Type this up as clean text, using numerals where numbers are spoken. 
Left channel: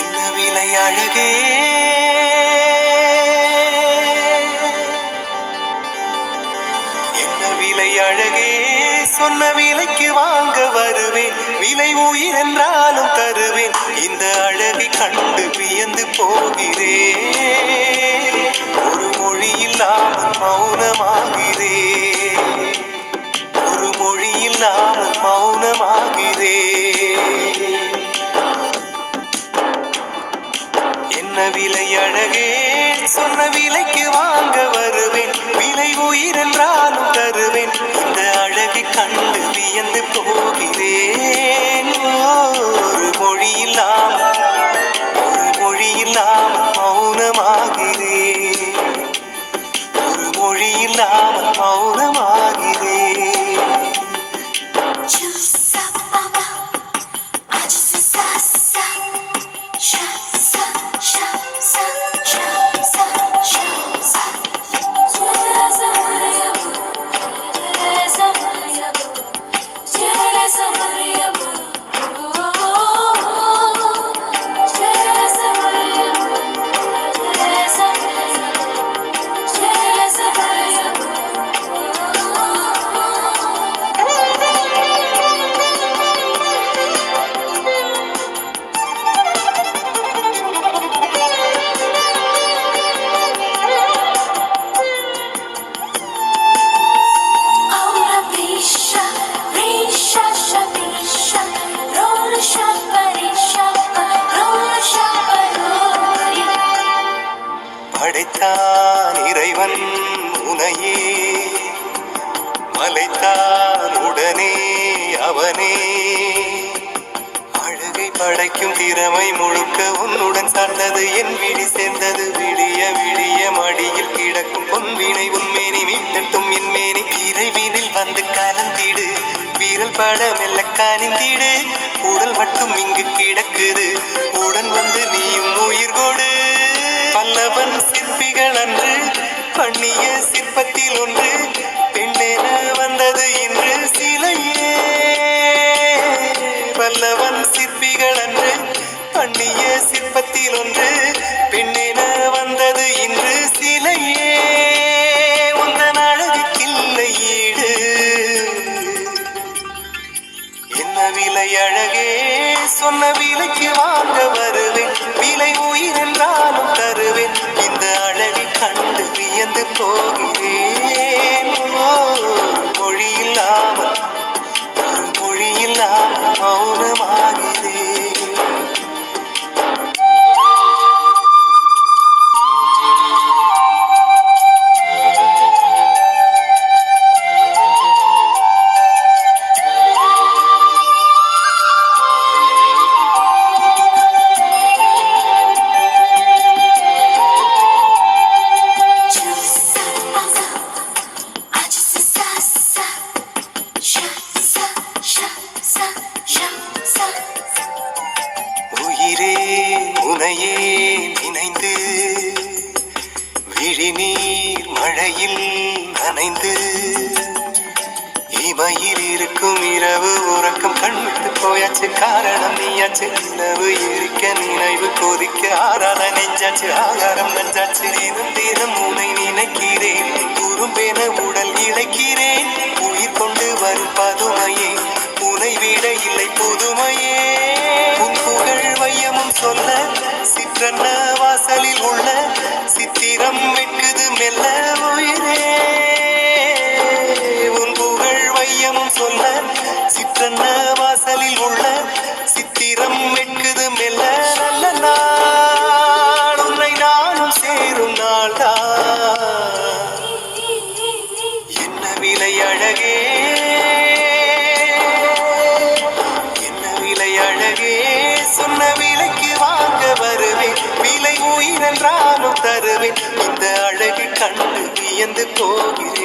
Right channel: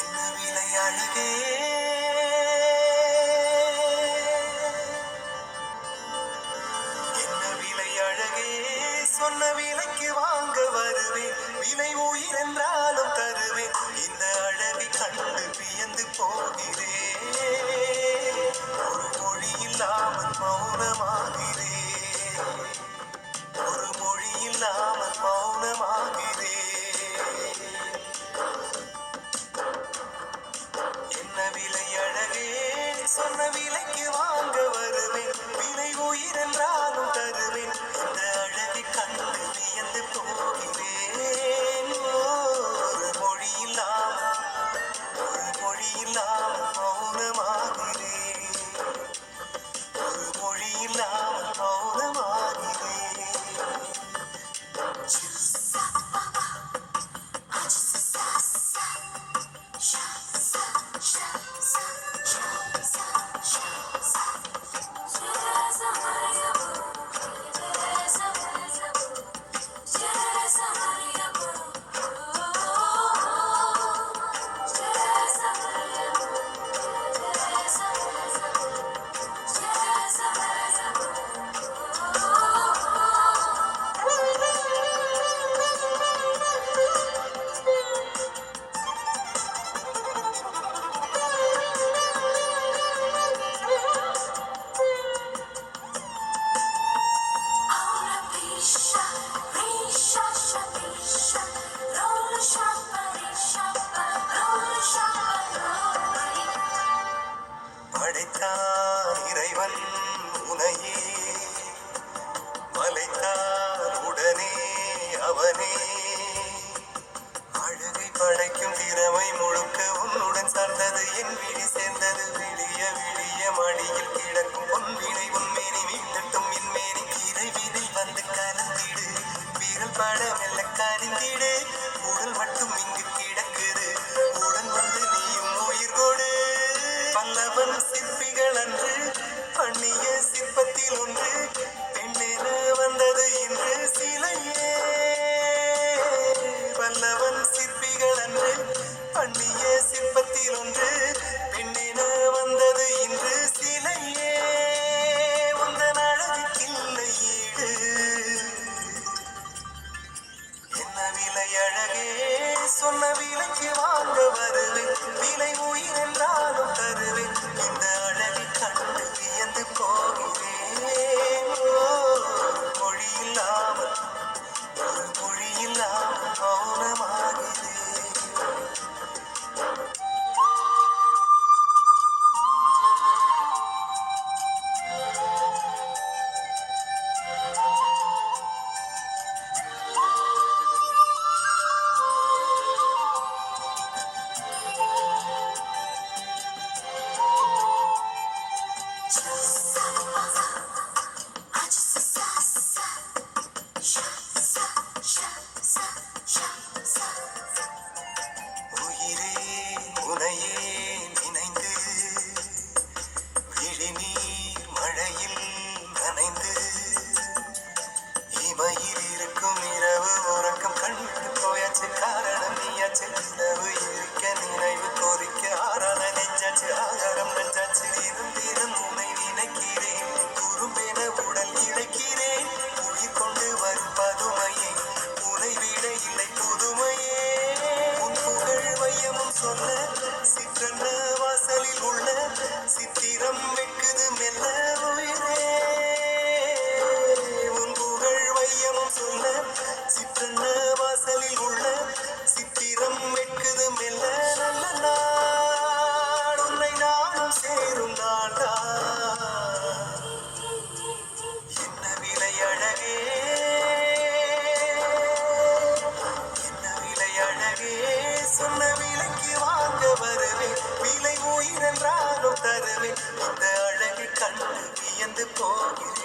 என்ன விலை அழகே, என்ன விலை அழகே, சொன்ன விலைக்கு வாங்க வருவேன். விலை உயிர் என்றாலும் தருவேன். இந்த அழகை கண்டு வியந்து போகிறேன். ஒரு மொழி இல்லாமல் மௌனமாகிறேன். ஒரு மொழி இல்லாமல் மௌனமாகிறேன். என்ன விலை அழகே, சொன்ன விலைக்கு வாங்க வருவேன். விலை உயிர் என்றாலும் தருவேன். இந்த அழகை கண்டு வியந்து போகிறேன். ஒரு மொழி இல்லாமல் மௌனமாகிறேன். ஒரு மொழி இல்லாமல் மௌனமாகிறேன். படைத்தான் இறைவன் உனையே, மலைத்தான் உடனே அவனே. அழகை படைக்கும் திறமை முழுக்க உன்னுடன் சார்ந்தது. என் விழி சேர்ந்தது. விடிய விடிய மடியில் கிடக்கும் பொன்வினை உன்மேனி மீட்டட்டும் என் மேனி. இறைவினில் வந்து கலந்திடு, வீரல் பட மெல்ல காணிந்திடு. உடல் மட்டும் இங்கு கிடக்குது, உடன் வந்து நீயும் உயிர் கொடு. பல்லவன் சிற்பிகள் அன்று பண்ணிய சிற்பத்தில் ஒன்று பெண்ணென வந்தது இன்று சிலையே. பல்லவன் சிற்பிகள் அன்று பண்ணிய சிற்பத்தில் ஒன்று பெண்ணென வந்தது இன்று சிலையே. உந்தன் அழகுக்கில்லை ஈடு. என்ன விலை அழகே, சொன்ன விலைக்கு வாங்க வருவேன். விலை உயிர் என்றாலும் தருவேன். இந்த அழகை கண்டு வியந்து போகிறேன். மொழி இல்லாமல் மௌனமாகிறேன். உயிரே உனையே நினைந்து விழிநீர் மழையில் நனைந்து இமையில் இருக்கும் இரவு உறக்கம் கண்விட்டு போயாச்சு. காரணம் நீயாச்சு. நிலவு இருக்க நினைவு கொதிக்க ஆறான நெஞ்சாச்சு. ஆகாரம் நஞ்சாச்சு. தினம் தினம் உனை நினைக்கிறேன். குறும்பென உடல் இழைக்கிறேன். உயிர் கொண்டு வரும் பதுமையே, உனை விட இல்லை புதுமையே. உன் புகழ் வையமும் சொல்ல சிற்றன்ன வாசலில் உள்ள சித்திரம் வெட்குது மெல்ல உயிரே. உன் புகழ் வையமும் சொல்ல சிற்றன்ன வாசலில் உள்ள சித்திரம் வெட்குது மெல்ல. நல்ல நாள் உன்னை நானும் சேரும் நாள்தான். என்ன விலை அழகே, என்ன விலை அழகே, சொன்ன விலைக்கு வாங்க வருவேன். விலை உயிர் என்றாலும் தருவேன். இந்த அழகை கண்டு வியந்து போகிறேன்.